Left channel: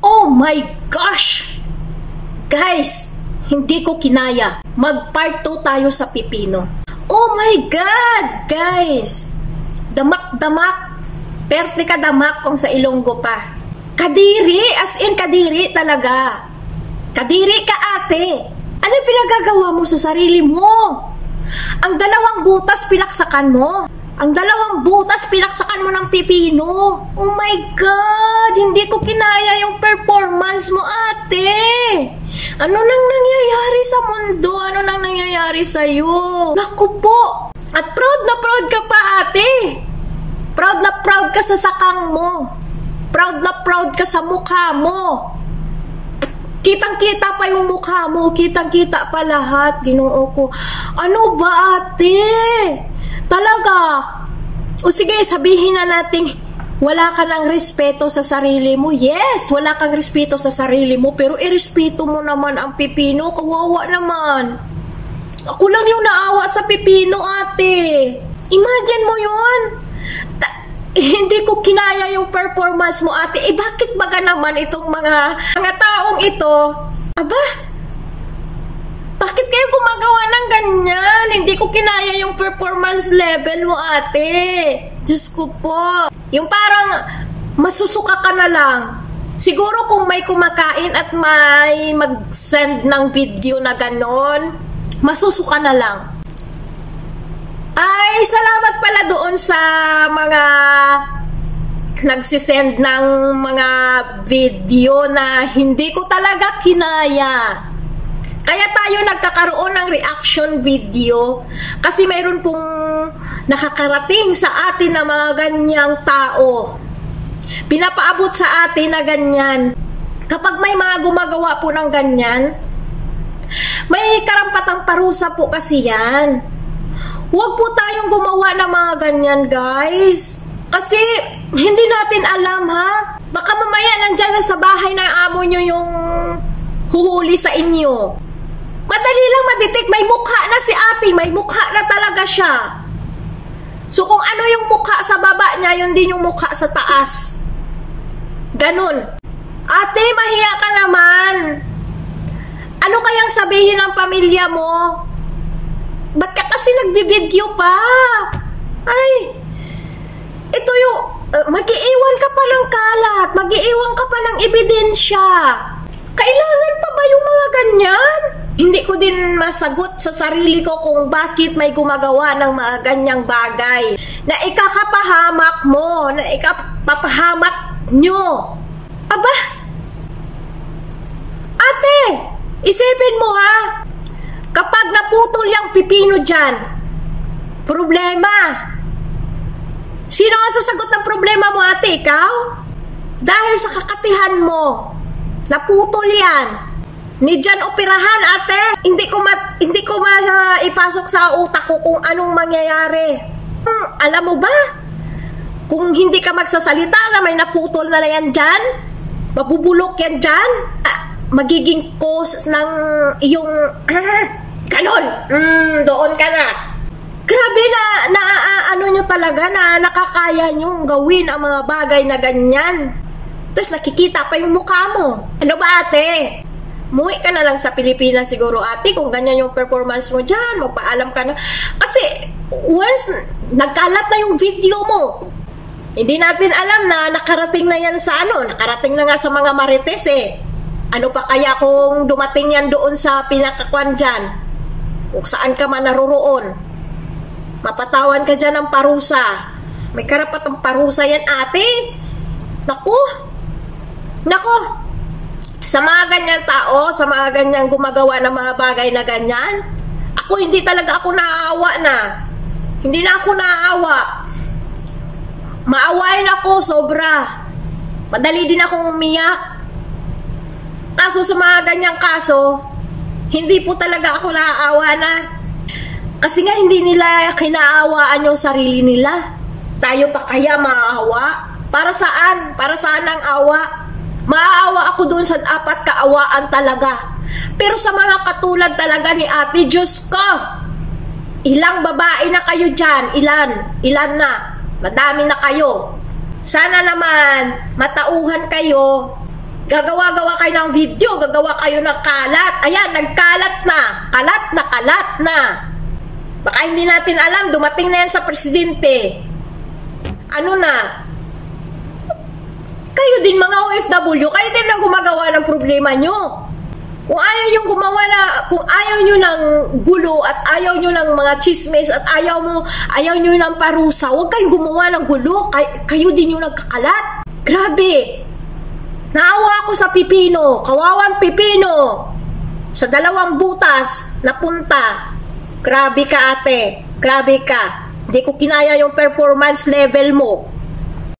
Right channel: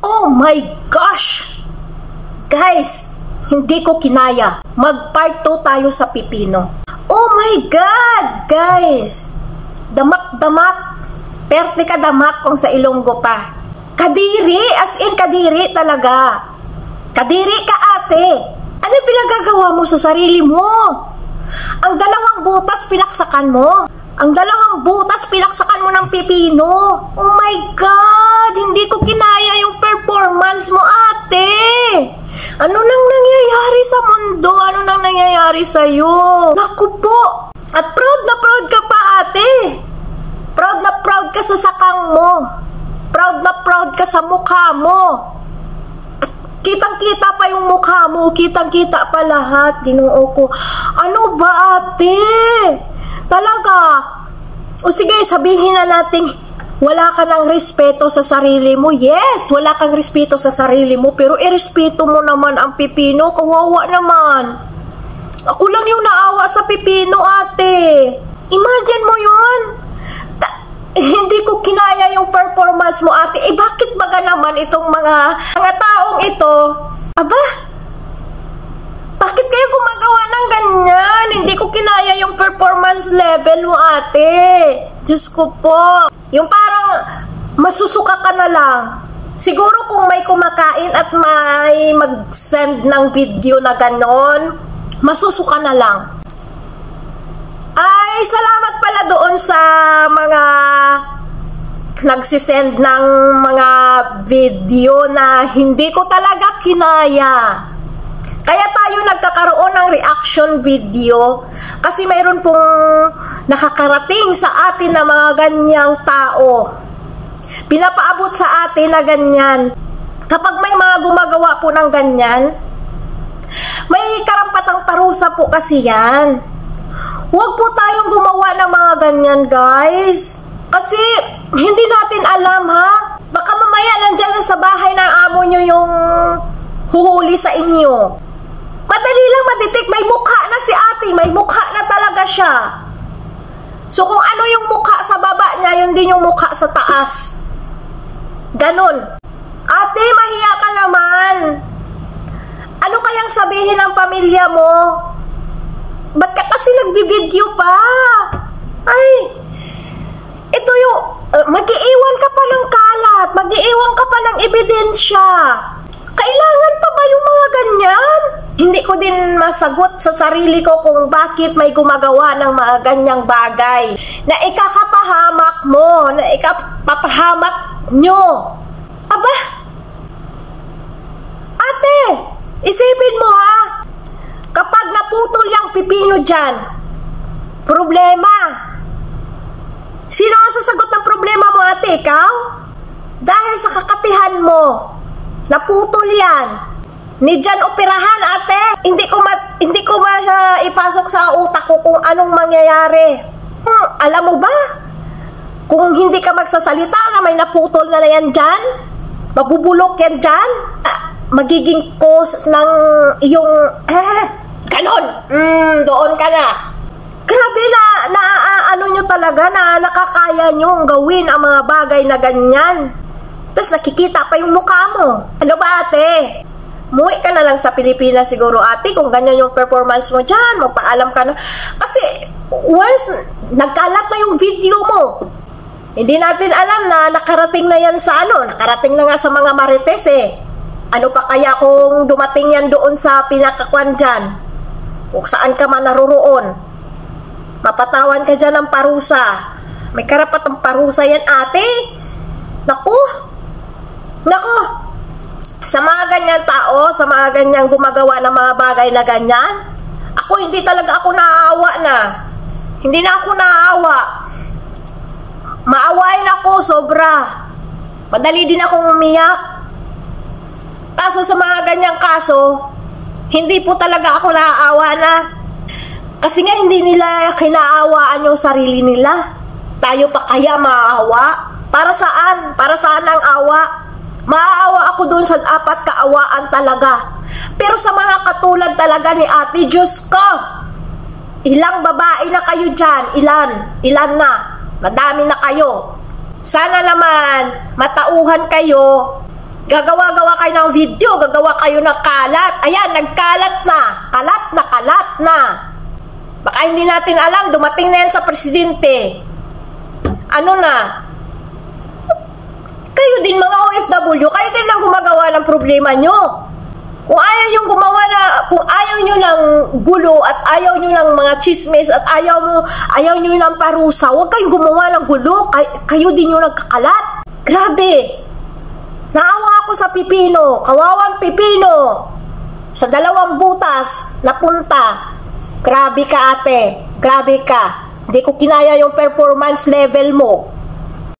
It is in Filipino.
Oh my gosh! Guys, hindi ko kinaya. Mag-part 2 tayo sa pipino. Oh my God! Guys, damak-damak. Perte ka damak kung sa Ilonggo pa. Kadiri, as in kadiri talaga. Kadiri ka ate. Ano pinagagawa mo sa sarili mo? Ang 2 butas pinaksakan mo. Ang 2 butas pinaksakan mo ng pipino. Oh my God! Hindi ko kinaya yung performance mo ate. Ano nang nangyayari sa mundo? Ano nang nangyayari sa'yo? Naku po! At proud na proud ka pa ate. Proud na proud ka sa sakang mo. Proud na proud ka sa mukha mo. Kitang-kita pa yung mukha mo. Kitang-kita pa lahat. Ginoo ko. Ano ba ate? Talaga? O sige, sabihin na natin, wala ka ng respeto sa sarili mo. Yes, wala kang respeto sa sarili mo. Pero irespeto mo naman ang pipino. Kawawa naman. Ako lang yung naawa sa pipino ate. Imagine mo yun. Hindi ko kinaya yung performance mo ate. Bakit baga naman itong mga taong ito? Aba? Bakit kayo gumagawa ng ganyan? Hindi ko kinaya yung performance level mo ate. Diyos ko po. Yung parang masusuka ka na lang. Siguro kung may kumakain at may mag-send ng video na ganon, masusuka na lang. Ay, salamat pala doon sa mga nagsisend ng mga video na hindi ko talaga kinaya. Kaya tayo nagkakaroon ng reaction video kasi mayroon pong nakakarating sa atin na mga ganyang tao. Pinapaabot sa atin na ganyan. Kapag may mga gumagawa po ng ganyan, may karampatang parusa po kasi yan. Huwag po tayong gumawa ng mga ganyan, guys. Kasi hindi natin alam, ha? Baka mamaya nandyan na sa bahay ng amo nyo yung huhuli sa inyo. Madali lang madetect. May mukha na si ate. May mukha na talaga siya. So kung ano yung mukha sa baba niya, yun din yung mukha sa taas. Ganon. Ate, mahiya ka naman. Ano kayang sabihin ng pamilya mo? Ba't ka kasi nagbibideo pa? Ay, ito yung, mag-iiwan ka pa ng kalat, mag-iiwan ka pa ng ebidensya. Kailangan pa ba yung mga ganyan? Hindi ko din masagot sa sarili ko kung bakit may gumagawa ng mga ganyang bagay na ikakapahamak mo, na ikapapahamak nyo. Aba, ate, isipin mo ha, kapag naputol yung pipino dyan, problema. Sino ang sasagot ng problema mo ate? Ikaw? Dahil sa kakatihan mo, naputol yan. Ni dyan operahan ate. Hindi ko ipasok sa utak ko kung anong mangyayari. Alam mo ba? Kung hindi ka magsasalita na may naputol na yan dyan, mabubulok yan dyan, magiging cause ng iyong ganon. Doon ka na. Grabe na ano nyo talaga na nakakaya nyo gawin ang mga bagay na ganyan. Tapos nakikita pa yung mukha mo. Ano ba ate? Muwi ka na lang sa Pilipinas siguro ate kung ganyan yung performance mo dyan. Magpaalam ka na. Kasi once nagkalat na yung video mo, hindi natin alam na nakarating na yan sa nakarating na nga sa mga marites eh. Ano pa kaya kung dumating yan doon sa pinakakwan dyan? Kung saan ka man naroroon. Mapatawan ka dyan ng parusa. May karapatang parusa yan ate. Naku. Sa mga ganyan tao, sa mga ganyang gumagawa ng mga bagay na ganyan, hindi talaga ako naaawa na. Hindi na ako naaawa. Maawain ako sobra. Madali din akong umiyak. Kaso sa mga ganyang kaso, hindi po talaga ako naaawa na. Kasi nga hindi nila kinaawaan yung sarili nila. Tayo pa kaya maawa? Para saan? Para saan ang awa? Maaawa ako doon sa apat kaawaan talaga. Pero sa mga katulad talaga ni ate, Diyos ko, ilang babae na kayo dyan? Ilan na? Madami na kayo. Sana naman matauhan kayo Gagawa-gawa kayo ng video, gagawa kayo ng kalat. Ayan, nagkalat na. Kalat na. Baka hindi natin alam, dumating na yan sa presidente. Ano na? Kayo din mga OFW, kayo din lang gumagawa ng problema nyo. Kung ayaw nyo ng gulo at ayaw nyo ng mga chismis at ayaw nyo ng parusa, huwag kayong gumawa ng gulo. Kayo din yung nagkakalat. Grabe. Naawa ako sa pipino, kawawang pipino. Sa 2 butas, napunta. Grabe ka ate, grabe ka. Hindi ko kinaya yung performance level mo.